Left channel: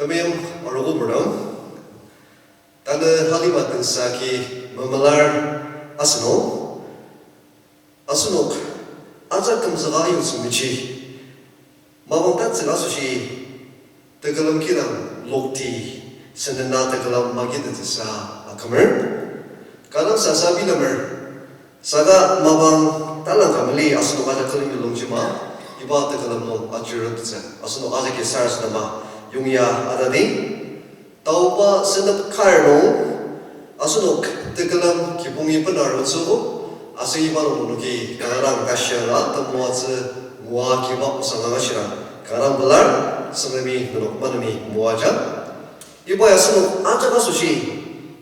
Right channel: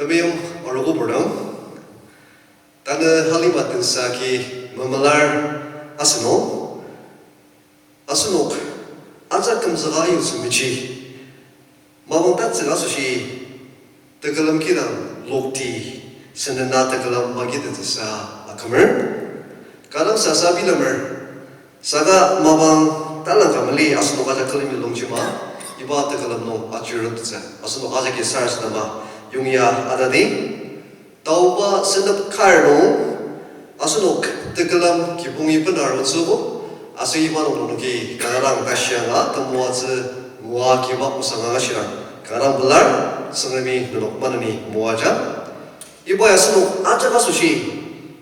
Tabiyong Arogo Burnam, Tana Halibat Saki, Mamalar Asanok, Asanok, Azak Kamzaga Yusumichi, Mabantat Sagasushi, Tagalam Kiram, Lokti, Senana Tagalam Magidisa, Akamer, Kalam Sasabi Lamer, Saga Mabang Talang Kamali, Asanok Azakalim Longchima, Iba Tagalam no Achiratza, Asanok Azaki Sars Nama. Yungya adadi tauba Sentep Karno Aonung tegelam kipungi benar mensubu asal iman unuki karang kasyala temuaze mua kibak usanga kasyala karang belar senami duluk manani muaja ibu Aonung aja kasusi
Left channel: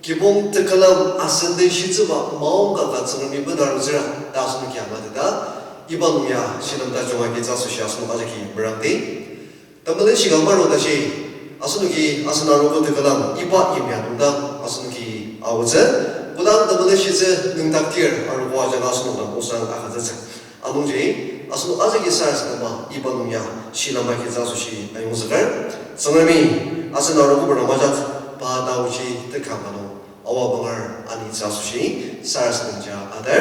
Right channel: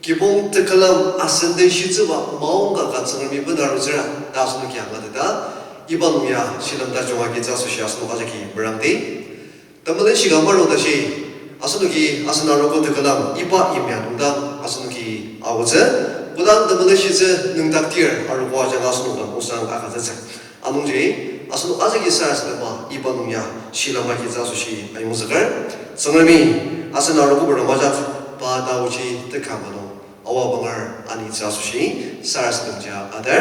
kipung tegelam asende shiziba maungga kan senami benar zera dasun kiamat ida iban ya silam tajunga kita susi Aonung aja ki berangti Tambalin sigambar udah sih, Aonuki Asanaro tu kelam iba imyan udah Aonuki awalnya, bukan tambalin sih nengtak tiar, aru wajah Aonung dan usang akan terjadi. Aonung jadi, Aonung aja kisah selama iba dunia silama kita susi ayu segar, senami Asanaro tu berwajah pada uji tekamano, awal bangar ani susi, sar sebenja ada,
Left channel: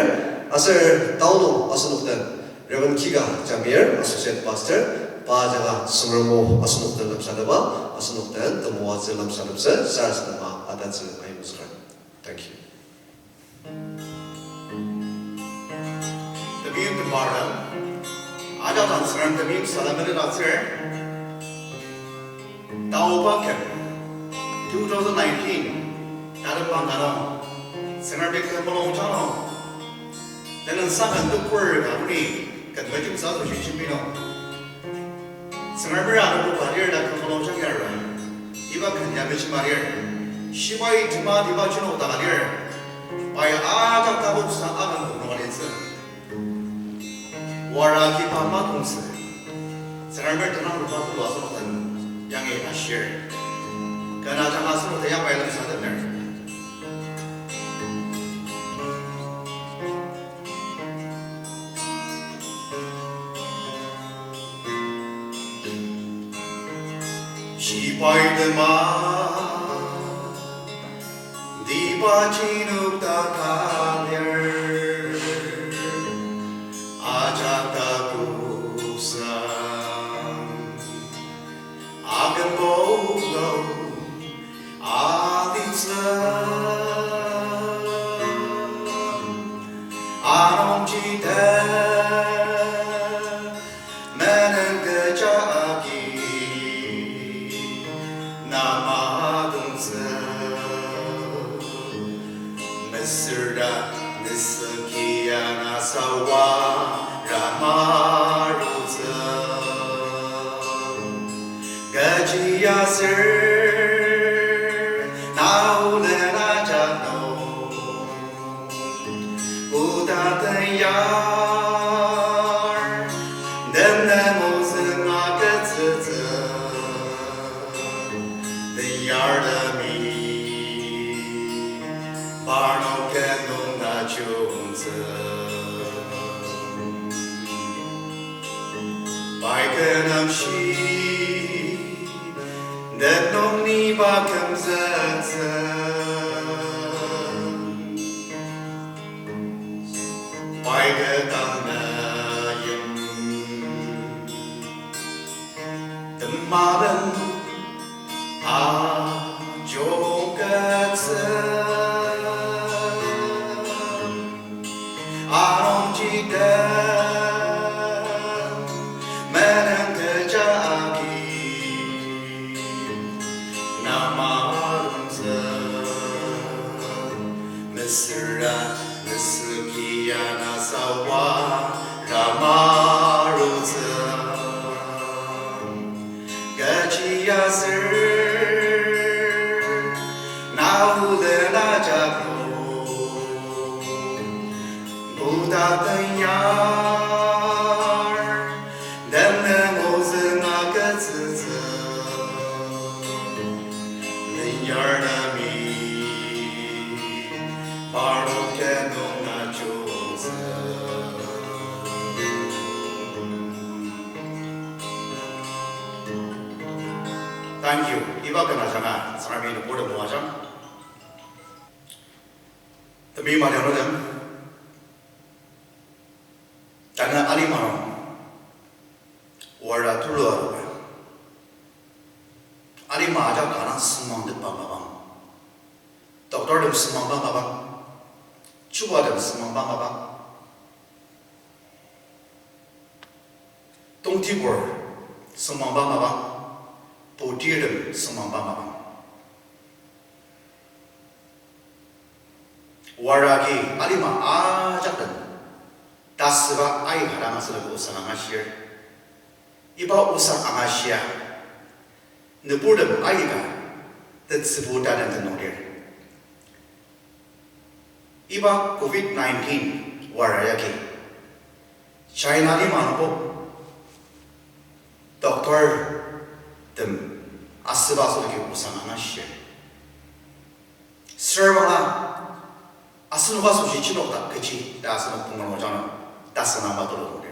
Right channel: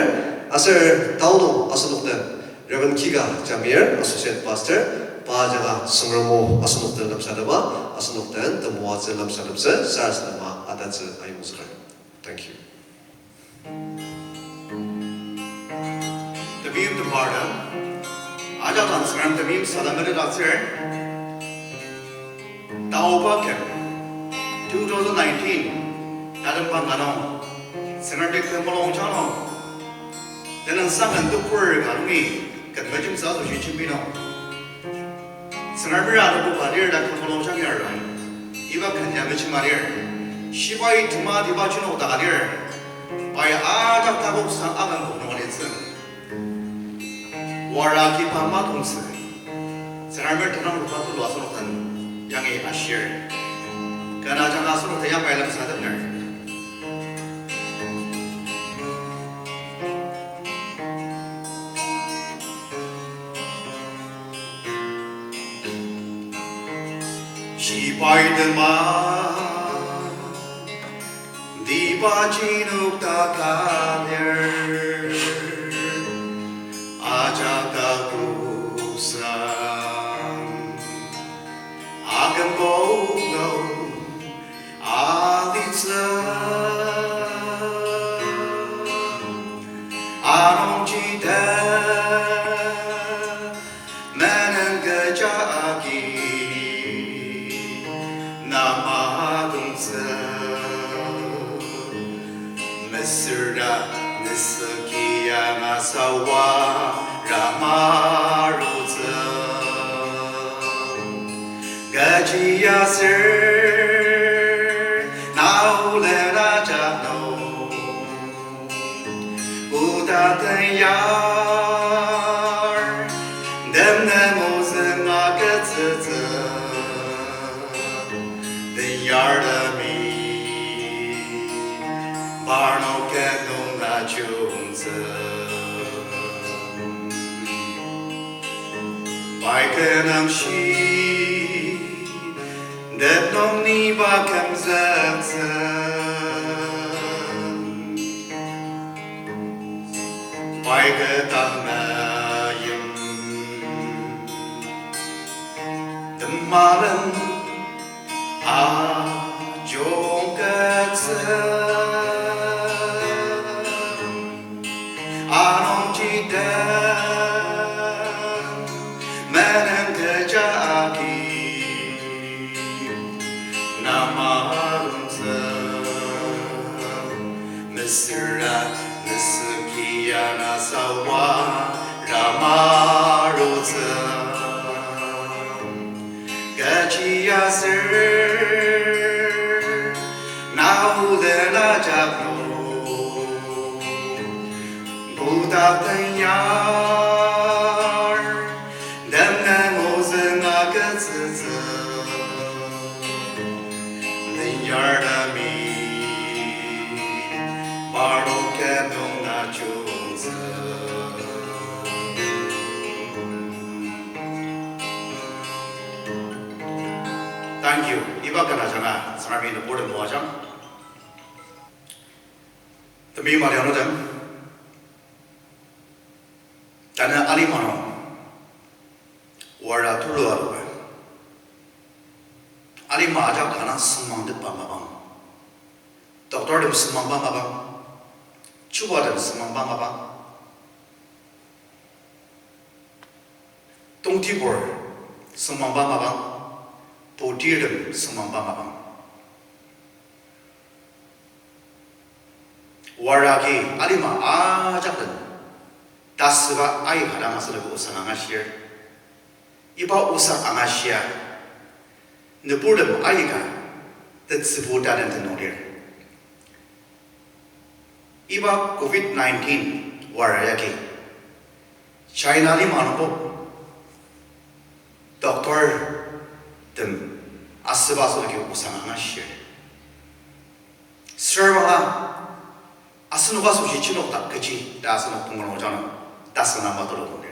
asal tahun Aonung dan Reverend Kika Jamir, Associate Pastor. Pajalah semua Aonung dalam sadaba, Aonung dan temua dalam sadabse, sar selama ada ayu segar. Thank you. Tabim Dimapur Ao Baptist Tabim Salamir Dasir Ao Baptist 2019 Dalam Panganam Senate Kepulauan Channel dan sangat tukur kami ketujuh satu cipino Senate ada berpadir dan Kepulauan Channel iba kerja bercemarir sipai cuma dibaca no takadir Pai agak tabuk sang akan mengalir waraki pamat unse Senarber tenang rupa tu Aonung yang asyir karena jangan Aonung yang baik lagi sadar sipai demam Dibachinuk takalir Ajak takusan Akan bogo Aditsa Aonung cita Meneng kejaki Nama dungsa Mesra Nisakia Nasawa Ramaruza Gaji Yasir Naulena Jano Udatanyar Demnemozen Maketze The Yardami Barno Kendon Nachunze Baikenam Shi Det non ni bakam zetze Baikenam Demarin Ajongketse Aonung cita Meneng kejaki Nama arunza Mesra Nesekia Nasawa Ramaruza Gaji Yasir Naulena Jabno Udatanyar Demnemozen Maketze Yardami Barno Kendon Nachunze Thank you. Iba kana janga sarmi no board no ajang. Tami ma leno dem. Tana ali mano. Wara tulu aro. Ali ma aja kana semang de bang bang. Doktor dem semang bang bang. Cuba dem semang bang bang. Tong Timur semang bang bang. Potir dem semang bang bang. Waraki alima ajak dem. Tasba ai hara masala usang angasia. Iba usang angasia. Nepur dem ai ka. Tetsibuta dem tenogir. Iba COVID-19 warayaki. China ni manpo. Doktor dem asba soki usang angasia. Servala asnuga sushi chinokta kecil dah asnu punggung ojana dah senama terlalu.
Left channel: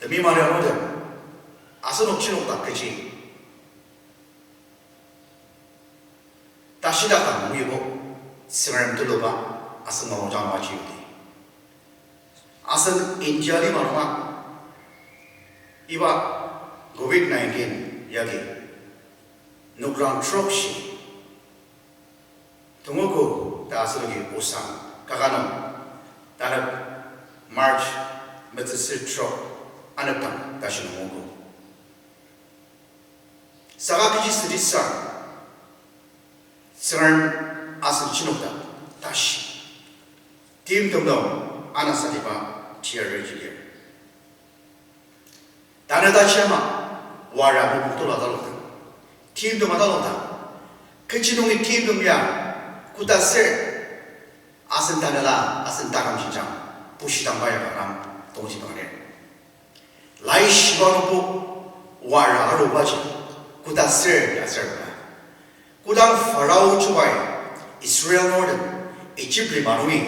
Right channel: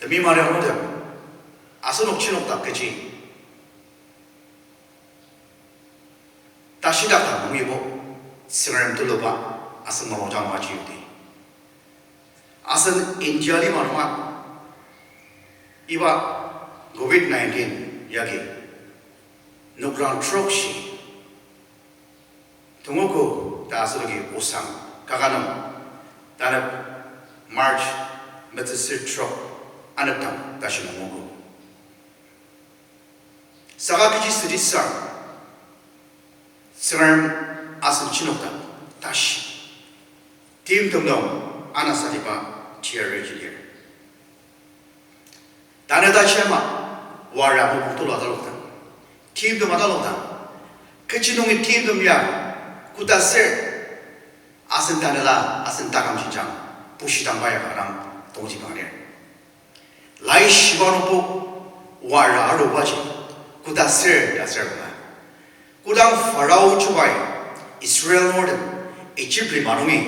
Demi mana orang dem asnu chinokta kecil dah sidak kan muibo sengaja terlalu ba asnu ojana macam itu. Asal India ni mana iba COVID-19 yagi nukran troksi tunggu dah asal lagi usang kaganam dah March betul trok anak tam dah sih nunggu sagak kiji sedih sang sekarang asal Cina dah sih tim tunggu anak sadipa tiada jadi Dana dah siapa? Warah betul ada loh. Tim tu mana loh? Kecinungi tim tu ya, kuda ser. Asen dana lah, asen takam cincang. Pushi tambah ya orang tunggu mana? Lai siapa pun warah ada baca. Kuda ser ya ser lah. Kuda Farao cubai Israel Northern Egypt lima nungi.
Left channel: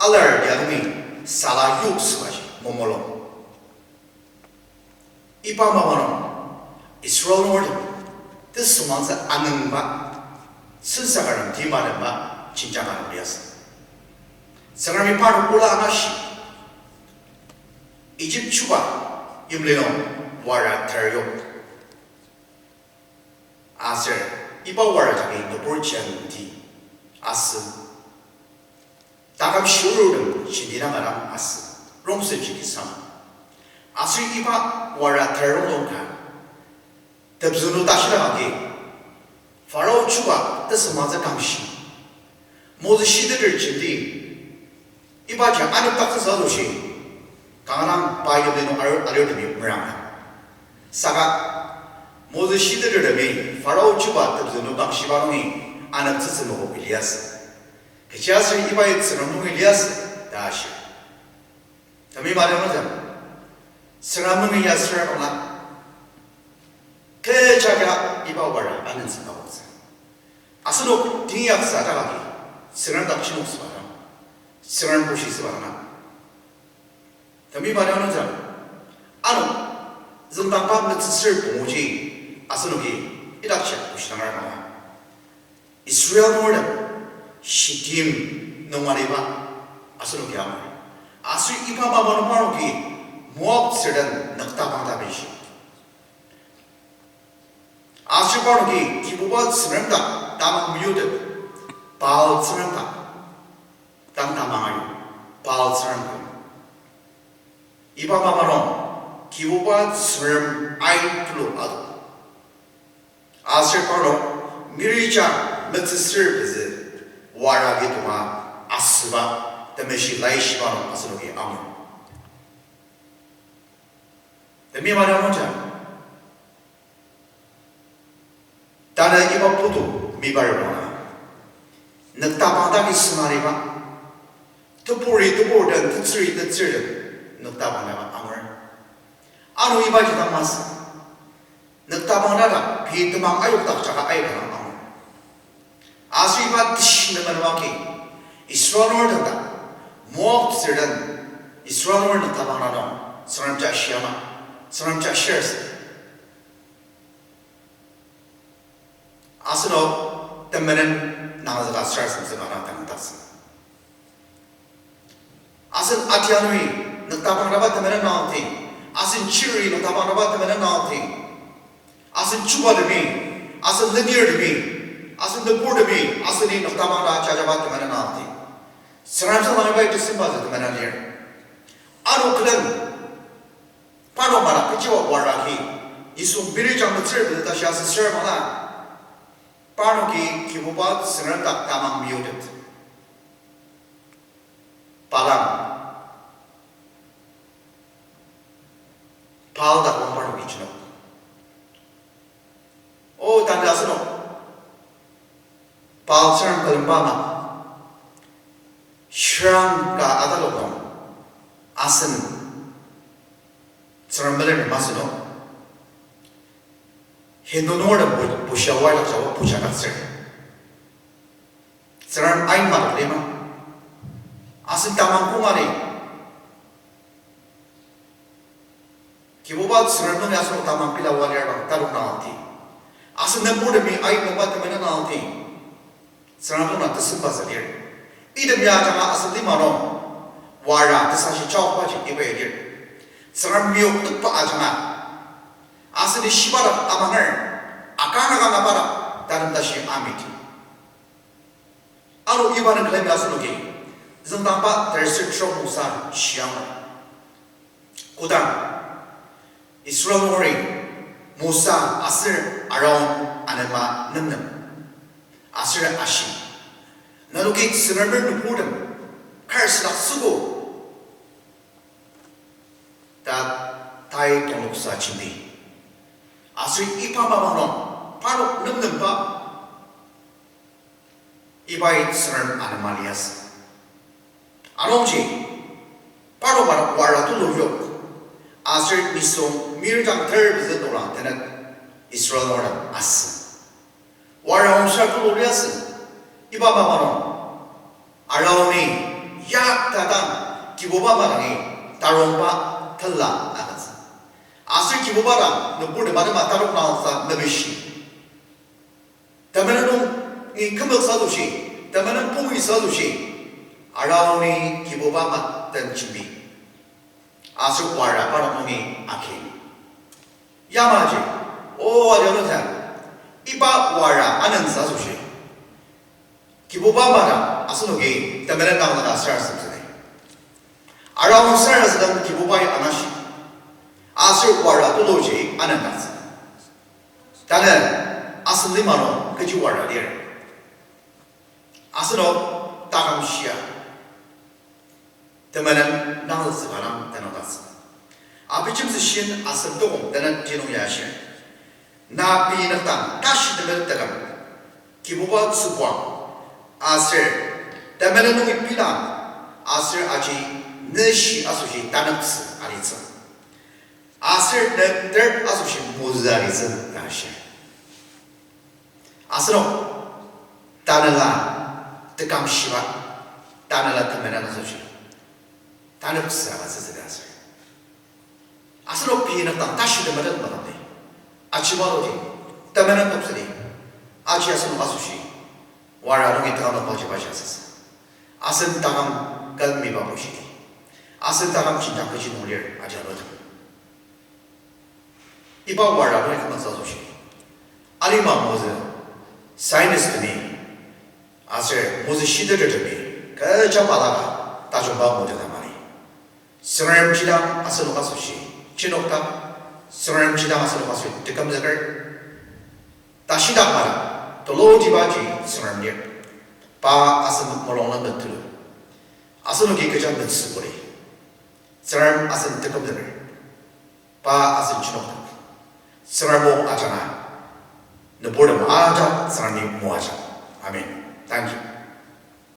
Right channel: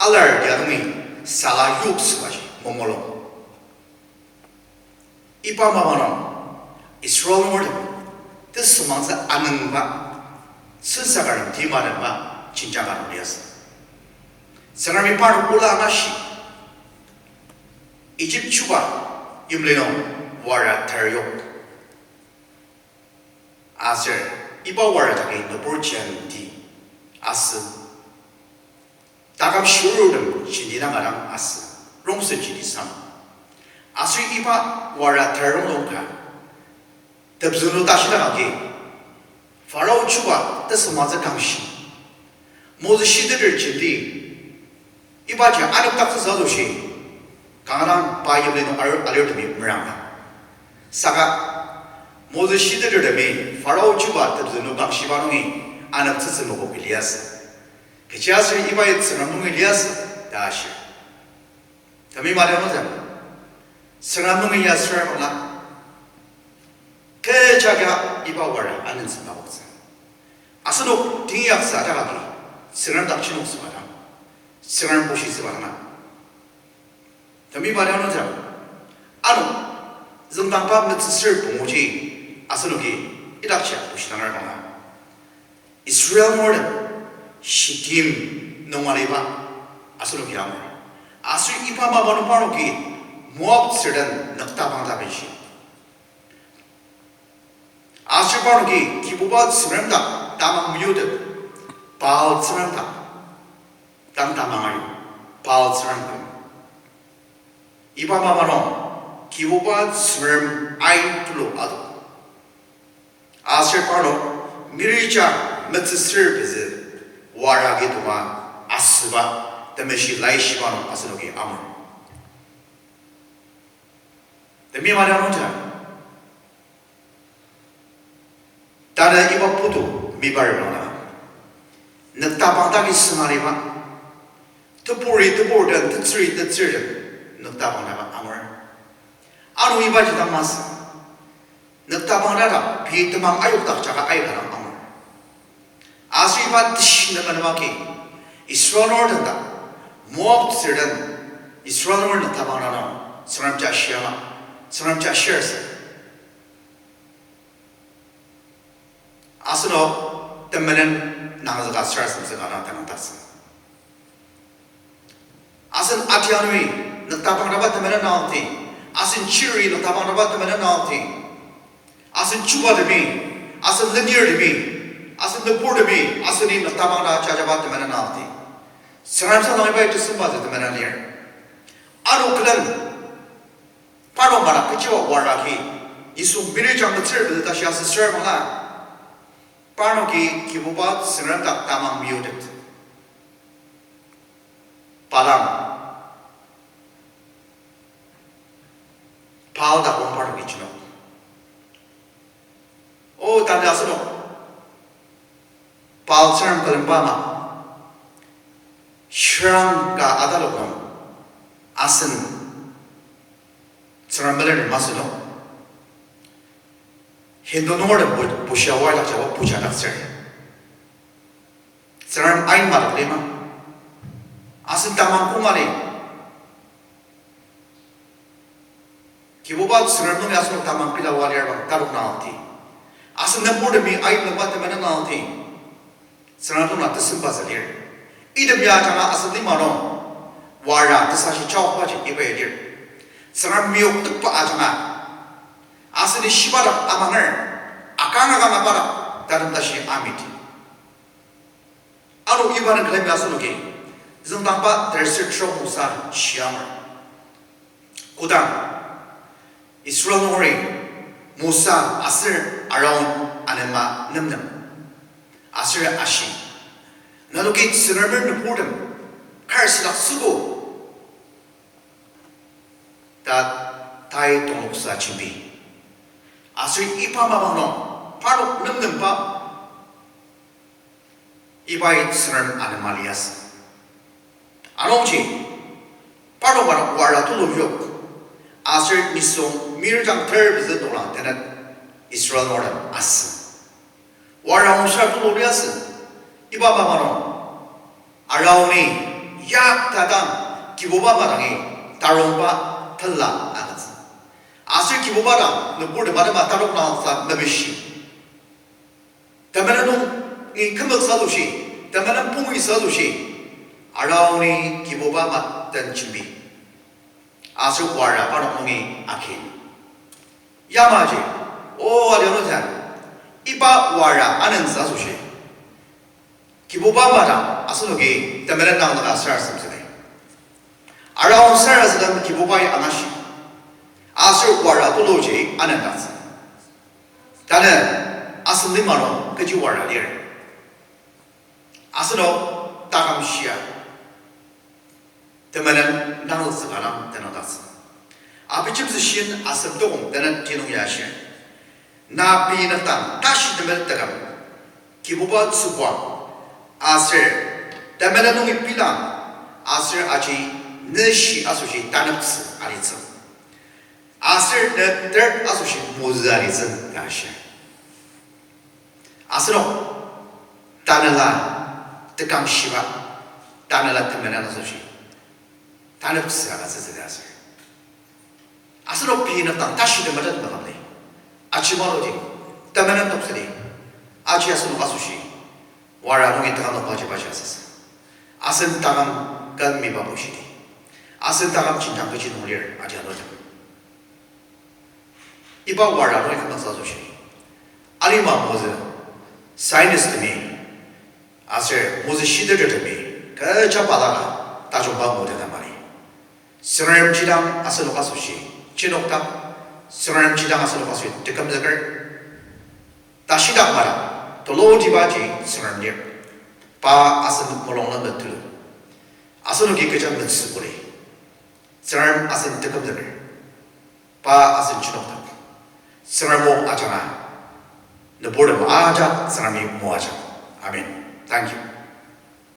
Alar ya nungi salah yuk sebagai momolong. Ipa mamano Israel Northern itu semasa Aonung ba sensakaran timaran ba cincakan biasa. Sekarang ipar pula nasi Egypt cuba imleno wara teriyok. Aser ipa wara tapi Dimapur di Asso. Takam syurul dem cindina barang Asso. Rongse jadi sama. Asri iba wara terong longkan. Tebzunu tashilah lagi. Farao cuba tersemasa kamsi. Mozisi terjadi. Iba jangan ada tak sesuatu sih. Karena bayar dengan alir demi merang. Saka Mozisi terjadi. Farao cuba tebzunu kamsi barungi anak tersemuh Elias. Kecil iba itu semuh Elias dah sih. Tapi mana macam? Seramang ia seraplah. Kejaga iba wara angin sebab apa? Asal tinggal saja lagi. Seram tak cuma sebarang. Seram puisi sebarang. Tapi pada mana jam? Anu, zentang apa necessary pemuji. Asal lagi idak cak puisi nama. Israel Northern Shitim nomaliba. Asal lagi apa? Asal iba bawa nomor lagi. Muab sedang nakta bangda besi. Asyikar ki kibubat serentak tamang miude, pal serentak, tang tamangan, pal serentak. Iba mamarong kibubat serem ain tulo ado. Asyikar mirija metzir beze wara gitu ma asba temeshi laishiban aslogi amu. Demi mana macam? Tanah iba putu mibar mana? Nak tabang tapi semari ba? Tepur dan terseri nak tabang apa amor? Anu iba juga mas. Nak tabang ada, pi temang ayuk tak cakap ayuk dalam amor. Asyik iba tish nak menwaki. Israel Northern tak, Moab dan Israel Northern tabang ada, seram jasya. saram cha shares asno temen nangzaga shares mzegana tangtas asan atianui nagtabang rabat temen nangti asan chiri nagtabang rabat temen nangti asan chuba demi asan linear demi asan debur demi asan ni nagtabang ra chajabat temen nangti saram sa nangbai tusimba temen liar aro klan paro mara kicho waraki isum birijang mtsir da shas sermala pano ki kibubat saram tak tamang muted palam pal da kompar kichno o tanda asno pal saram kalambama shrang ga adalokon asan saram meler masno Hindonor bushawar la jawa pujanak sir saram ain mar lema asan tamang kumare kibobat saram no asno tamang pilawar ya taruk naati asan namur mi ain nabat mana naati saram no tasimba zalir idam ya jama asan di mano wara tasashi chawpa ji ibelir saram miok tukpa ajama asli shibara amanger akana kama para dalam tashi amiti aro ibana klem asno ke zang tampa restriction musa shiama kudam Israel nori musa asir around anema namnam asir ashi naluki sinarber nupudam karslak sugo that tai tomuksa chimbi asri ipa mabano paro namnampa ibai saran anomalias anochi paro wara tu loyok asri miso mirjang third is the dolan tenet Israel nora as wara unsha tu loyas iba mabano arauni yak tadam kiboba magani taromba thalla agas asir kibobara nubur bada matarok naasa nabishi tamananong in kamal salushi tamanang pumi salushi arauni kibobama tanchimbi asir wara para mungi akin yamaji o adyanotan iba wara anan salushi kibobama asunogi tamanang naasa sarasam araun sarasam kibobai anashi asir wara toloji anandas tana asli maro keji wara dia asno takam shia teman nang sekarang tanadas apa cem sesien asal dong tana tino yashin nabi natang tash teman takam kibubat subwa asir teman nungi pilang asir aji neshi asushi tanaks alitsa asir the third association mozarism nasha asno tanala tekam shiva tanala tamana association tanapsa asas asno pina tan tashi de madat manane achimaroti tamana tapsali achi asno association wara no itama baje baje asas asen tamam kan mi babushiti asen tamam cinta keji nulir ajarot iba wara no ikama sasoshi alima moze scientist me asir moze shidere me ka chapala ta jomba moze tamari srem chidang asalo kasoshi chinokta srem chidang asalo kasoshi tekam zakar tashida mara to lo jibaji srem je pa asal molong na tu asalo ki kejam ntsukure srem asal tekam zakar pa asal chinokta Saramo Ajana, the board of Aja, Sarami Moaja. Amen. Thank you.